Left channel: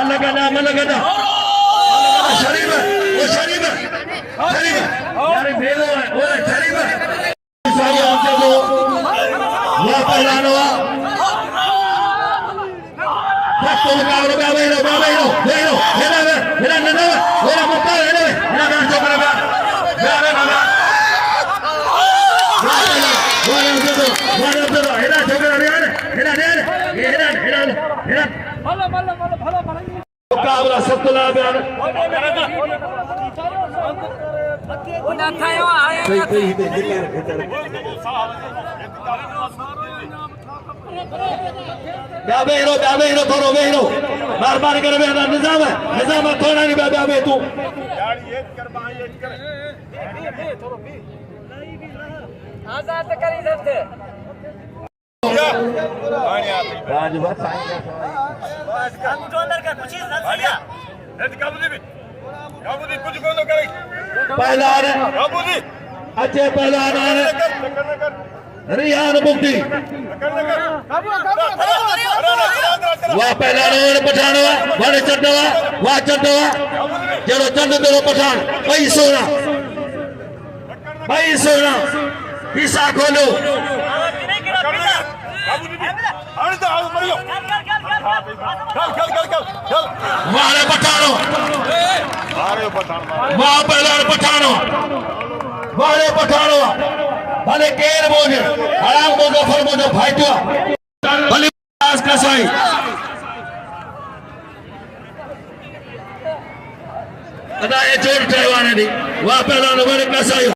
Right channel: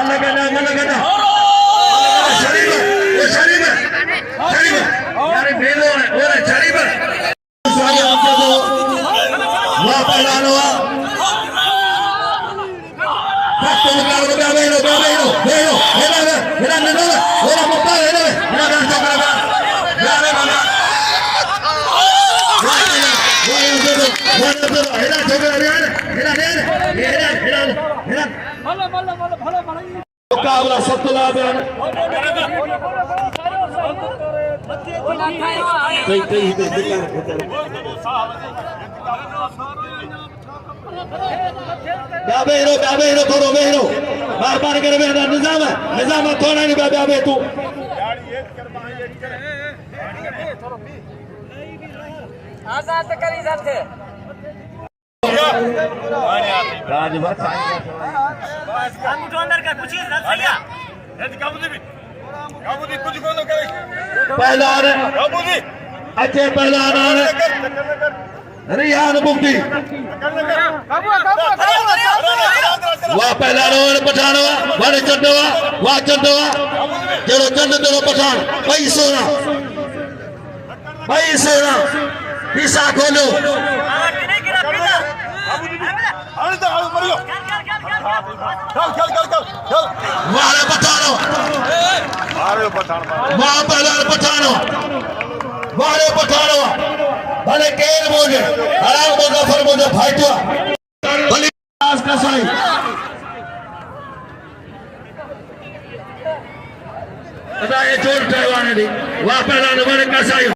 मेहरबानी करे निजाम है थोड़ा नहीं ब्याबे तू पहलवान अच्छे पहलवान रियान मुफ्ती वाह पहलवान पठानो वाले चंदवा वाह चंदवा चलो चंद तेरो पठान भाई सोना हिस्सा खोलो वाले पठानो वाह पहलवान पठानो वाले पठानो भले केर बोझे हराम को गफर बोझे फाइटवा भले आज का सही अदा ये चोट ड्राइवर ने दी वाह पहलवान भले का सही